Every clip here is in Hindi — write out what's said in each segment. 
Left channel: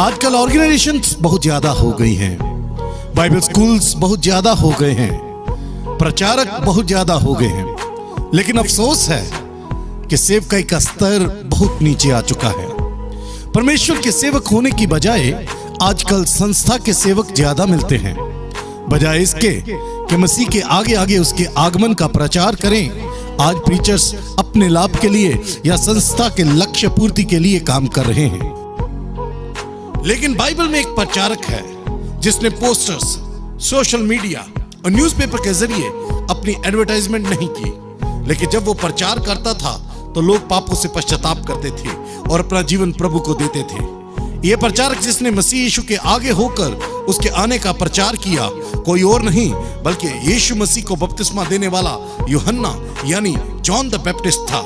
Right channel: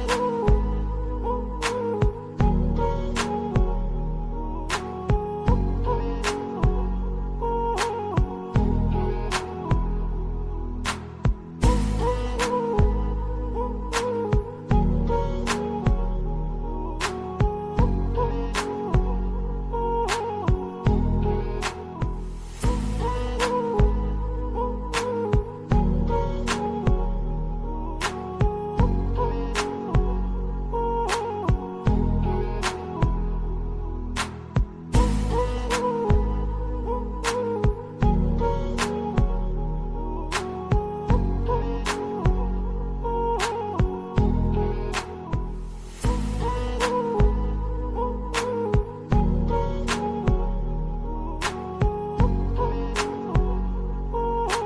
आजकल ऑर्गेनाइजेशंस बहुत ज्यादा हो गई हैं, बाइबल स्कूल्स बहुत ज्यादा हो गए हैं, प्रचारक बहुत ज्यादा हो गए हैं, लेकिन अफसोस है कि सेवकाई का स्तर बहुत नीचे आ चुका है। परमेश्वर के सेवक होने की बजाय आजकल संस्था के सेवक ज्यादा मिलते हैं, बजाय इसके कि मसीह के आगे आगे उसके आगमन का प्रचार करें। आज प्रीचर्स अपने लाभ के लिए या संस्था के लक्ष्य पूर्ति के लिए काम कर रहे हैं। लेकिन बाइबल में एक प्रचारक है जिसने पोस्टर्स, सोशल मीडिया और न्यूज़पेपर के जरिए अपनी एडवर्टाइजमेंट नहीं की, लेकिन जब वो प्रचार करता था तो लोग पापों से पश्चाताप करते थे और अपना जीवन प्रभु को देते थे। ये प्रचारक जिसने मसीह यीशु के आगे होकर उसके आने का प्रचार किया, कोई और नहीं बल्कि यीशु मसीह को बपतिस्मा देने वाला यूहन्ना यानी जॉन द बैप्टिस्ट था।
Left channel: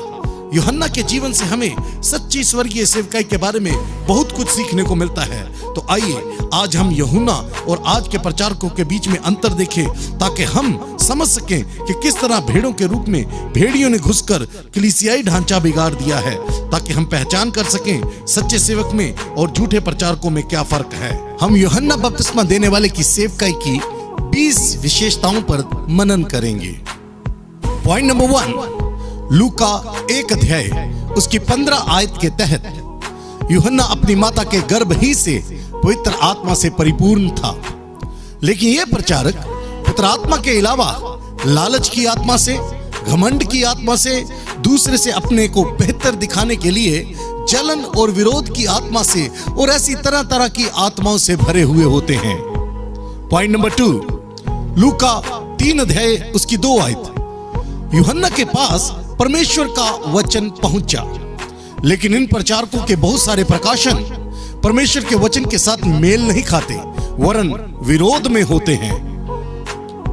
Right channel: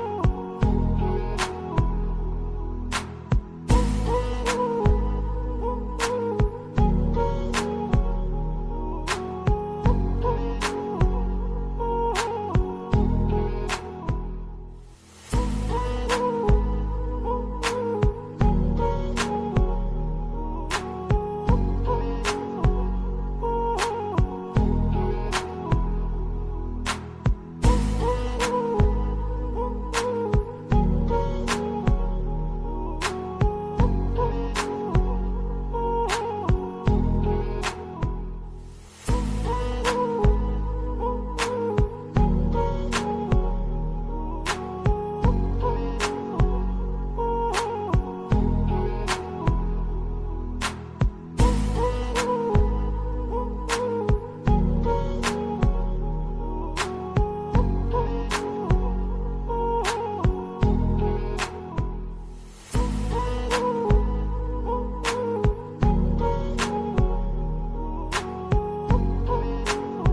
यूहन्ना के जीवन से हमें सच्ची स्वर्गीय सेवकाई के बारे में बहुत कुछ सीखने को मिलता है। तो आइए आज हम यूहन्ना और आज के प्रचारकों के बीच में अंतर देखें, ताकि हम समझ सकें कि किस तरह भेड़ों के रूप में भेड़ियों ने घुसकर कलीसियाई ढांचा बिगाड़ दिया है, ताकि हम पहचान कर सकें सच्चे सेवक में और झूठे प्रचारकों में क्या फर्क है। हम यूहन्ना बपतिस्मा देने वाले की सेवकाई की 20 विशेषताओं पर मनन करेंगे। पॉइंट नंबर 1, लूका 1 अध्याय उसकी 15 आयत के तहत यूहन्ना अपनी माता के गर्भ ही से पवित्र आत्मा से परिपूर्ण था, लेकिन यह प्रचारक पवित्र आत्मा के अलावा लालच की आत्मा से, घमंड की आत्मा से, दूसरे से अपने को बेहतर दिखाने के लिए जलन और विरोध की आत्मा से और ऐसी तरह तरह की आत्माओं से भरे हुए होते हैं। पॉइंट नंबर 2, लूका 3 अध्याय उसकी 2 आयत। यूहन्ना के पास परमेश्वर का वचन पहुंचा, लेकिन इन प्रचारकों के बहुत सारे प्रकाशन परमेश्वर के वचन के साथ मेल नहीं खाते, वरन विरोध में होते हैं।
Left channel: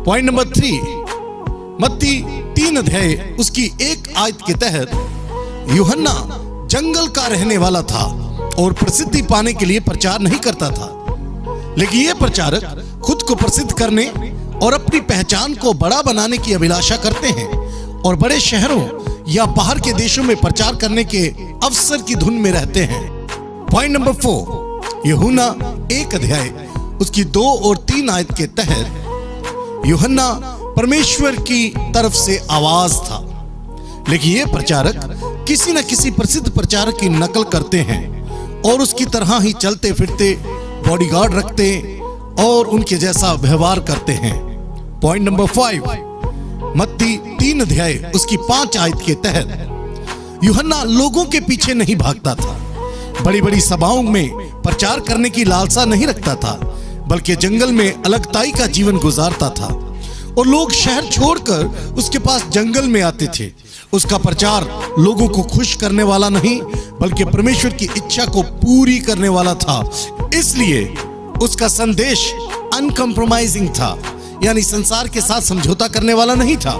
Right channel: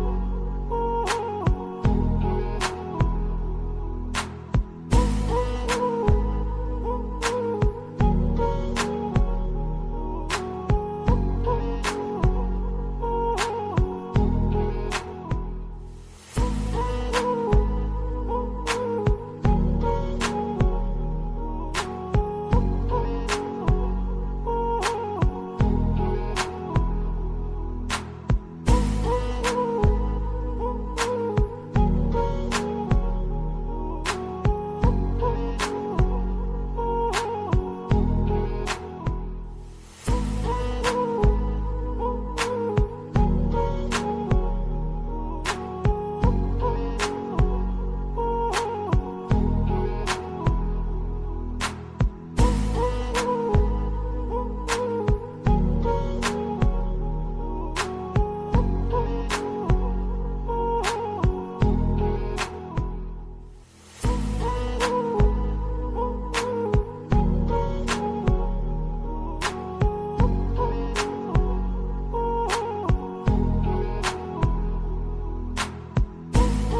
पॉइंट नंबर 3, मत्ती 3 अध्याय उसकी 1 आयत के तहत यूहन्ना जंगल का रहने वाला था और प्रसिद्धि पाने के लिए प्रचार नहीं करता था, लेकिन यह प्रचारक खुद को प्रसिद्ध करने और अपनी पहचान को बड़ा बनाने की अभिलाषा करते हैं और बड़े शहरों या बाहर के देशों में प्रचार करने के अवसर की धुन में रहते हैं। पॉइंट नंबर 4, यूहन्ना 1 अध्याय उसकी 2 और 3 आयत के तहत यूहन्ना परमेश्वर की तरफ से आवाज था, लेकिन ये प्रचारक किसी न किसी प्रसिद्ध प्रचारक की नकल करते हैं और उसकी तरह ही चलते फिरते, बॉडीगार्ड रखते और उनके जैसा व्यवहार करते हैं। पॉइंट नंबर 5, मत्ती 3 अध्याय उसकी 5 आयत के तहत यूहन्ना लोगों के पीछे नहीं भागता था, बड़ी बड़ी सभाओं में प्रचार करने की लालसा नहीं रखता था, बल्कि जंगल में अलगताई का जीवन गुजारता था और लोग शहर छोड़कर उसके पास जंगल में आते थे। उसका प्रचार लोगों को खुश करने वाला नहीं बल्कि परमेश्वर की इच्छा को पूरी करने वाला था, इसलिए उसका संदेश अनकम्प्रोमाइजिंग था, यानी संसार के साथ समझौता करने वाला नहीं था।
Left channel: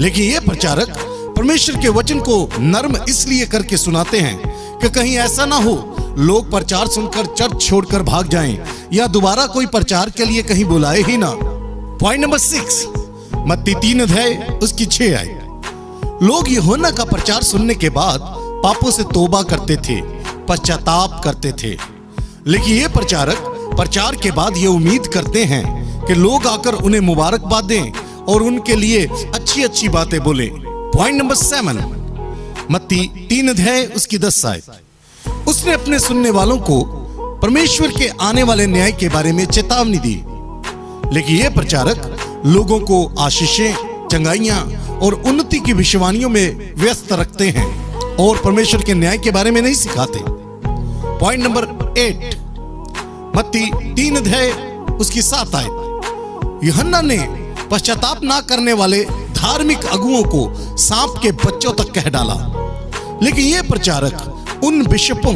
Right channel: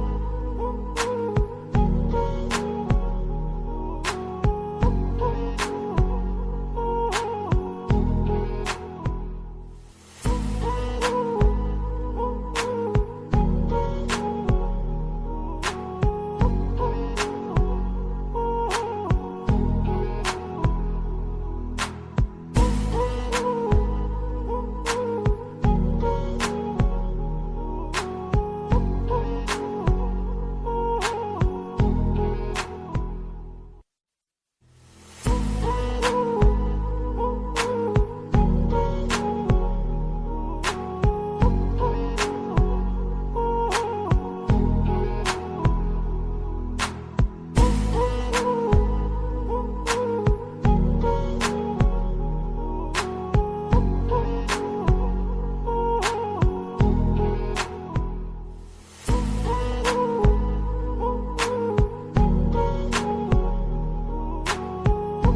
लेकिन यह प्रचारक परमेश्वर के वचन को नर्म इसलिए करके सुनाते हैं कि कहीं ऐसा ना हो लोग प्रचार सुनकर चर्च छोड़कर भाग जाएं या दोबारा कोई प्रचार के लिए कहीं बुलाए ही ना। पॉइंट नंबर 6, मत्ती 3 अध्याय उसकी 6 आयत। लोग यूहन्ना का प्रचार सुनने के बाद पापों से तौबा करते थे, पश्चाताप करते थे, लेकिन यह प्रचारक प्रचार के बाद ये उम्मीद करते हैं कि लोग आकर उन्हें मुबारकबाद दें और उनके लिए अच्छी अच्छी बातें बोलें। पॉइंट नंबर 7, मत्ती 3 अध्याय उसकी 10 आयत। उसने अपने सुनने वालों को परमेश्वर के आने वाले न्याय के बारे में चेतावनी दी, लेकिन यह प्रचारक लोगों को आशीषें, चंगाइयां और उन्नति की भविष्यवाणियों में व्यस्त रखते हैं और परमेश्वर के न्याय के बारे में नहीं सिखाते। पॉइंट नंबर 8, मत्ती 3 अध्याय उसकी 7 आयत। यूहन्ना ने पश्चाताप ना करने वाले धार्मिक अगुओं को सांप के बच्चों तक कह डाला, लेकिन यह प्रचारक उन बिशपों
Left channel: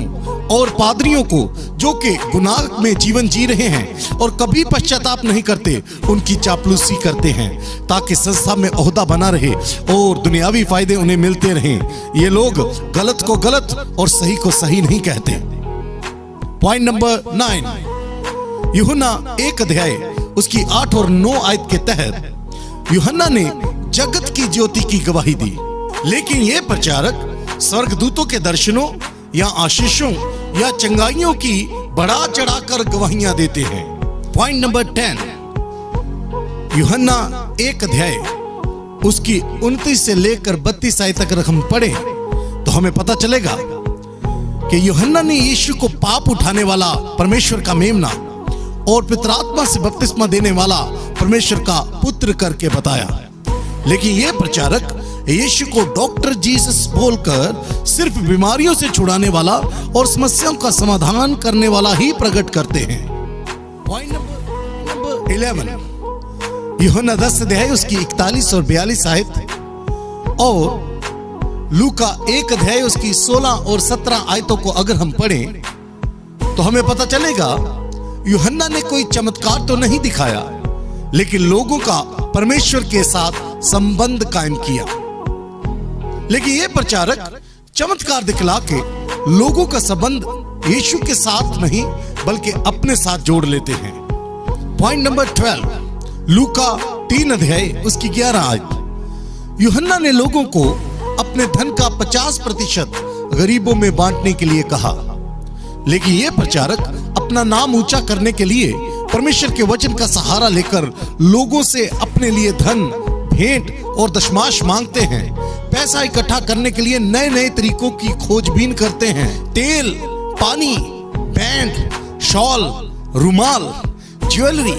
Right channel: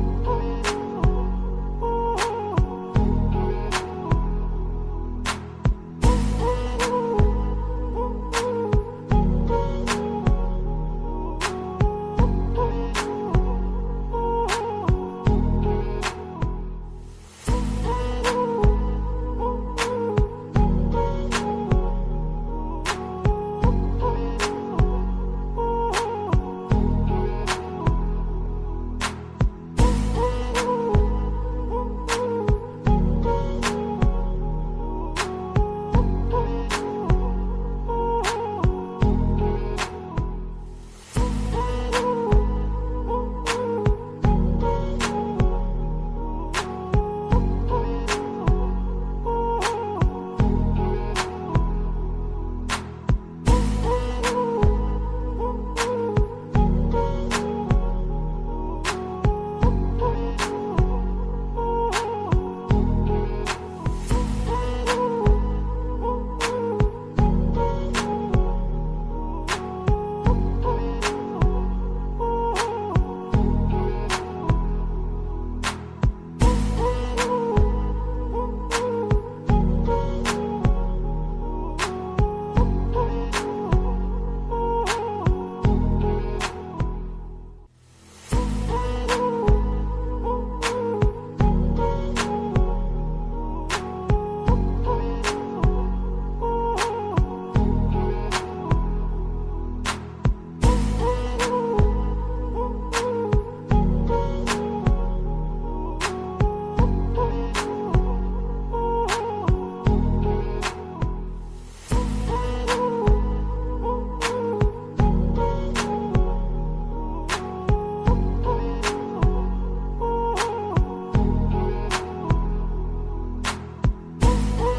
और पादरियों को जो कि गुनाह में जीवन जी रहे हैं और कभी पश्चाताप नहीं करते, उनकी चापलूसी करते हैं ताकि संस्था में ओहदा बना रहे और दुनियावी फायदे उन्हें मिलते रहें। ये लोग गलत को गलत और सही को सही नहीं कहते। पॉइंट नंबर 9, यूहन्ना 1 अध्याय उसकी 8 और 9 आयत के तहत यूहन्ना ने जगत की ज्योति की गवाही दी, लेकिन यह प्रचारक स्वर्गदूतों के दर्शनों या आशीषों या या चंगाइयों की बढ़ा चढ़ाकर गवाहियां देते हैं। पॉइंट नंबर 10, यूहन्ना 1 अध्याय उसकी 29 से लेकर 32 आयत तक हम पढ़े तो हमें पता चलेगा कि यूहन्ना ने यीशु को पाप उठाने वाला परमेश्वर का मेमना और पवित्र आत्मा से बपतिस्मा देने वाला परमेश्वर का पुत्र करके बताया। लेकिन यह प्रचारक यीशु को डॉक्टर जीसस बोलकर सिर्फ बीमारियों से छुड़ाने वाला और समस्याओं का समाधान करने वाला ही प्रकट करते हैं। पॉइंट नंबर 11, यूहन्ना 10 अध्याय उसकी 41 और 42 आयत और लूका 1 अध्याय उसकी 16 और 17 आयतों को अगर हम पढ़ें तो हमें पता चलेगा यूहन्ना ने कोई चमत्कार तो नहीं दिखाया, लेकिन लोगों का परमेश्वर के साथ संबंध कायम किया। लेकिन यह प्रचारक चमत्कार दिखला के लोगों का संबंध यीशु के साथ नहीं बल्कि अपने साथ जोड़ लेते हैं। पॉइंट नंबर 12, लूका 3 अध्याय उसकी 11 आयत, यूहन्ना ने लोगों को अपने धन का 50% गरीबों में बांटने के लिए कहा। लेकिन यह प्रचारक अपना नाम ऊंचा करने के लिए परमेश्वर के वचन का सहारा लेकर लोगों से अपने लिए धन, भेंट और दशमाश मांगते हैं। पैसा इकट्ठा करने के लिए नए नए तरीकों की खोजबीन करते हैं। तेल, पानी, बैंड, शॉल, रुमाल, ज्वेलरी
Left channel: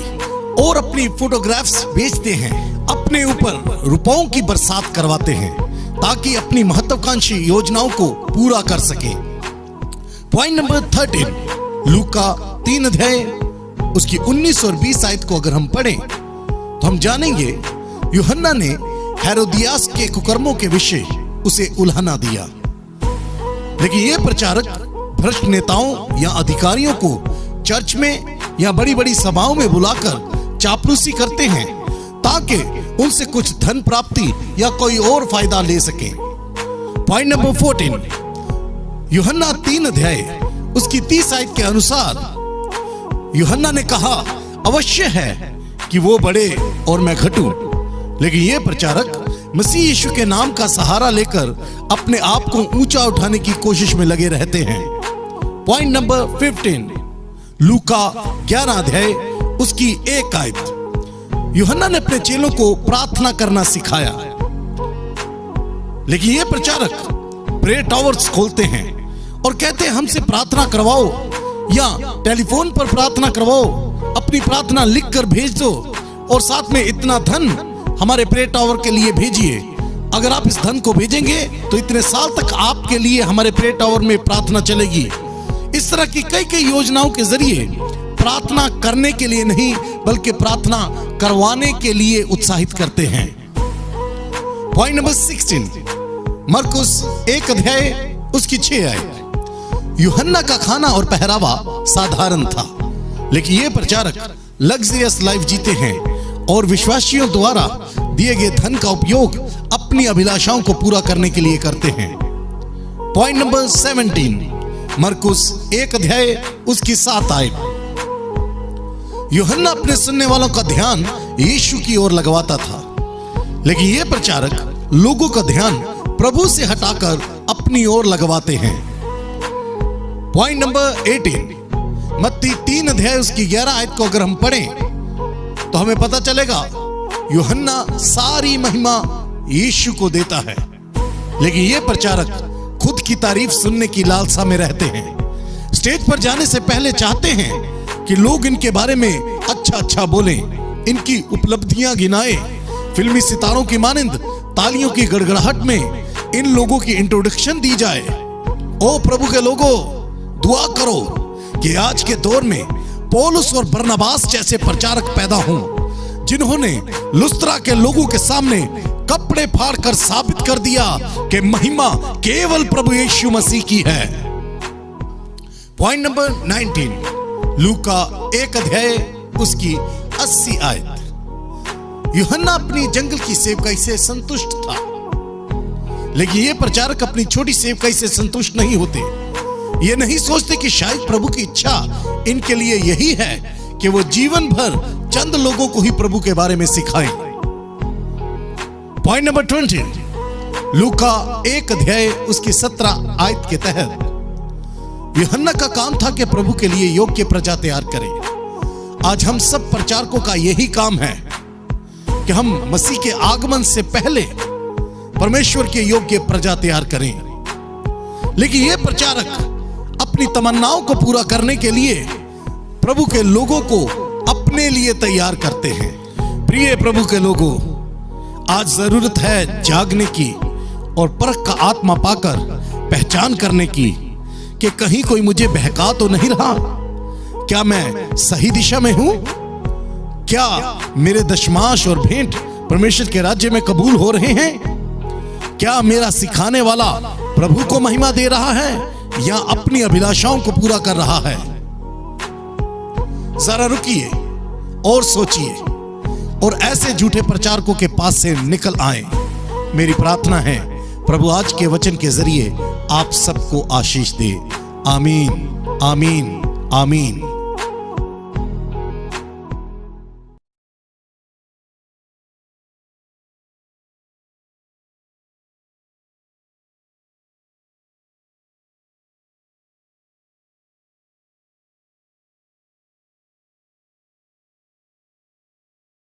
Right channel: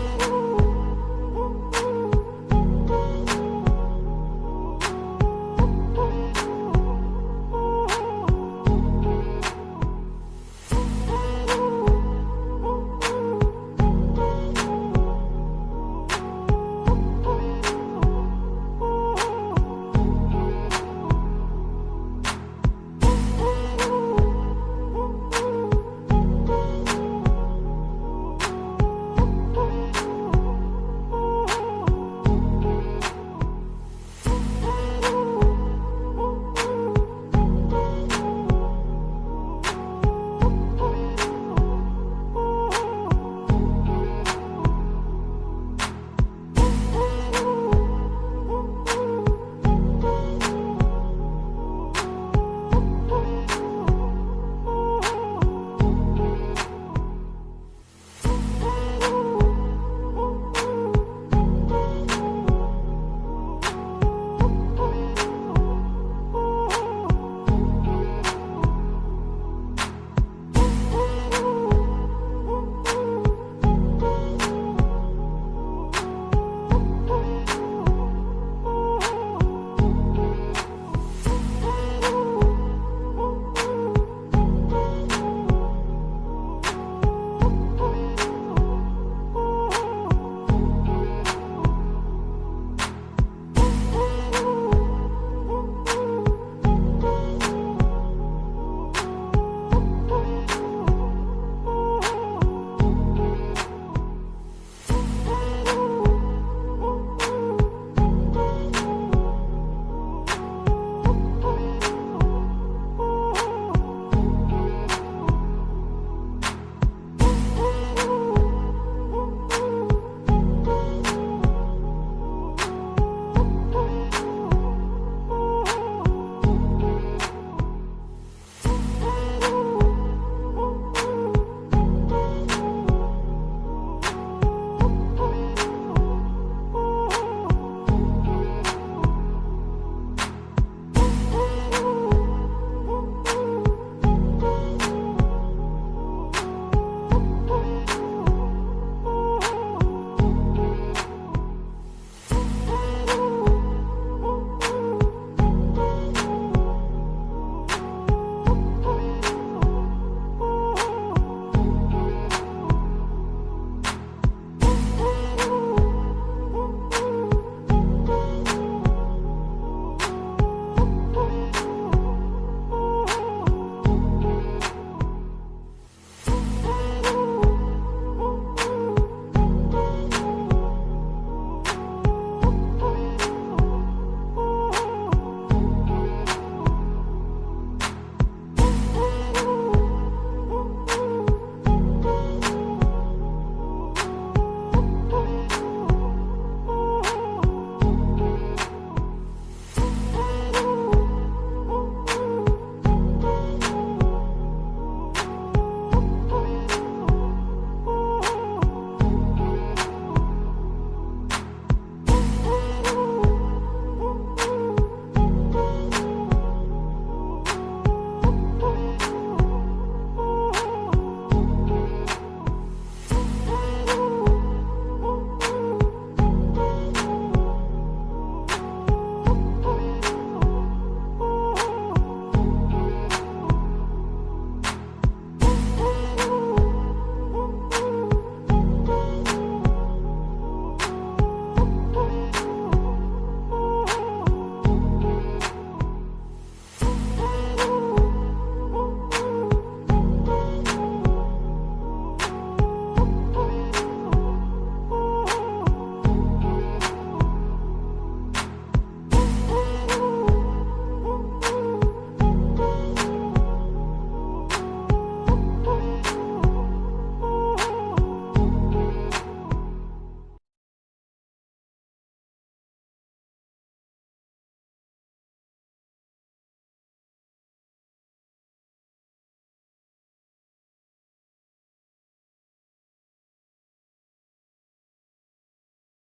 और अपनी फोटोग्राफ्स बेचते हैं। अपने ऊपर रुपयों की बरसात करवाते हैं ताकि अपनी महत्वाकांक्षी योजनाओं को पूरा कर सके। पॉइंट नंबर 13, लूका 3 अध्याय उसकी 19 और 20 आयत को अगर हम पढ़ें तो हम जानेंगे यूहन्ना ने हेरोदियास के कुकर्मों के विषय उसे उल्हाना दिया। लेकिन यह प्रचारक भ्रष्ट नेताओं या अधिकारियों को चर्च में या बड़ी बड़ी सभाओं में बुलाकर चापलूसी करते हैं ताकि उनसे कुछ धन प्राप्ति या कोई और फायदा ले सके। पॉइंट नंबर 14, यूहन्ना 3 अध्याय उसकी 30 आयत के अनुसार यूहन्ना ने कहा, अवश्य है कि वो बढ़े और मैं घटूं। लेकिन यह प्रचारक मसीह यीशु के नाम का सहारा लेकर अपने आप को ऊंचा उठाने की कोशिश में लगे रहते हैं। पॉइंट नंबर 15, लूका 11 अध्याय उसकी 1 आयत, यूहन्ना ने अपने चेलों को प्रार्थना करना सिखाया। लेकिन यह प्रचारक प्रेयर टावर्स खोलते हैं और कहते हैं हमसे प्रार्थना करवाओ या टेलीफोन पर प्रार्थना करवाओ, अपनी प्रार्थना लिख कर भेज दो और साथ में इतना धन हमारे प्रेयर टावर के लिए भेजिए। अगर आप इस धन को भेजेंगे तो इतने साल तक आपके लिए हमारे प्रेयर टावर में प्रार्थना चलेगी। इस तरह की कई योजनाओं के जरिए प्रार्थना करने के लिए नहीं बल्कि प्रार्थना करवाने के लिए उत्साहित करते हैं। पॉइंट नंबर 16, मरकुस 1 अध्याय उसकी 6 आयत, यूहन्ना का खाना और पहरावा साधारण था, लेकिन यह प्रचारक लग्जरियस लाइफ जीते हैं और विश्वासियों द्वारा दिए गए धन का उपयोग अपनी अभिलाषाओं को पूरा करने के लिए करते हैं। पॉइंट नंबर 17, मरकुस 1 अध्याय उसकी 7 आयत, यूहन्ना अपने सुनने वालों का ध्यान यीशु की ओर लगवाता था, लेकिन यह प्रचारक लोगों का ध्यान प्रभु से हटाकर अपनी ओर लगवाते हैं। पॉइंट नंबर 18, मत्ती 3 अध्याय उसकी 11 आयत को अगर हम पढ़ें तो हमें पता चलेगा यूहन्ना सारी महिमा यीशु को देता है, लेकिन यह प्रचारक खुद की तारीफ सुनने की लालसा में रहते हैं। स्टेज पर जाने से पहले चाहते हैं कि लोग इनके बारे में अच्छा बोलें, इनकी उपलब्धियां गिनाएं। फिल्मी सितारों की मानिंद तालियों की गड़गड़ाहट में इन लोगों की इंट्रोडक्शन दी जाए। ओ प्रभु के लोगों, दुआ करो कि आज के दौर में पौलुस और बरनबास जैसे प्रचारक पैदा हों, जिन्होंने लुस्त्रा के लोगों के सामने कपड़े फाड़कर साबित कर दिया कि महिमा केवल प्रभु यीशु मसीह की है। पॉइंट नंबर 19, लूका 1 अध्याय उसकी 80 आयत, यूहन्ना अपनी जंगल की सेवकाई से संतुष्ट था, लेकिन ये प्रचारक अपनी छोटी सेवकाई से संतुष्ट नहीं होते। ये नहीं सोचते कि शायद प्रभु की इच्छा इनके लिए यही है कि वो जीवन भर चंद लोगों को ही प्रभु के बारे में सिखाएं। पॉइंट नंबर 20, लूका 1 अध्याय उसकी 17 आयत के तहत यूहन्ना का काम था कि प्रभु के लिए योग्य प्रजा तैयार करें। आज हम सब प्रचारकों का यही काम है कि हम मसीह के आगमन से पहले परमेश्वर के योग्य प्रजा तैयार करें। लेकिन ये प्रचारक अपनी तमन्नाओं को पूरा करने के लिए प्रभु के लोगों को अपने लिए तैयार करते हैं। प्रिय प्रभु के लोगों, आज जरूरत है जागने की और परख का आत्मा पाकर पहचान करने की कि कहीं कोई मुझे बहका तो नहीं रहा। क्या मैं सही दिशा में हूं? क्या मेरे दशमांश और भेंट परमेश्वर के राज्य में कबूल हो रहे हैं? क्या मेरा सिखाने वाला प्रभु को महिमा दे रहा है या अपनी अभिलाषाओं को पूरा कर रहा है? जरा रुकिए और सोचिए और ऐसे झूठे प्रचारकों के पास से निकल आए। मेरी प्रार्थना है प्रभु आज के वचन के जरिए आप सबको आशीष दे। आमीन, आमीन, आमीन।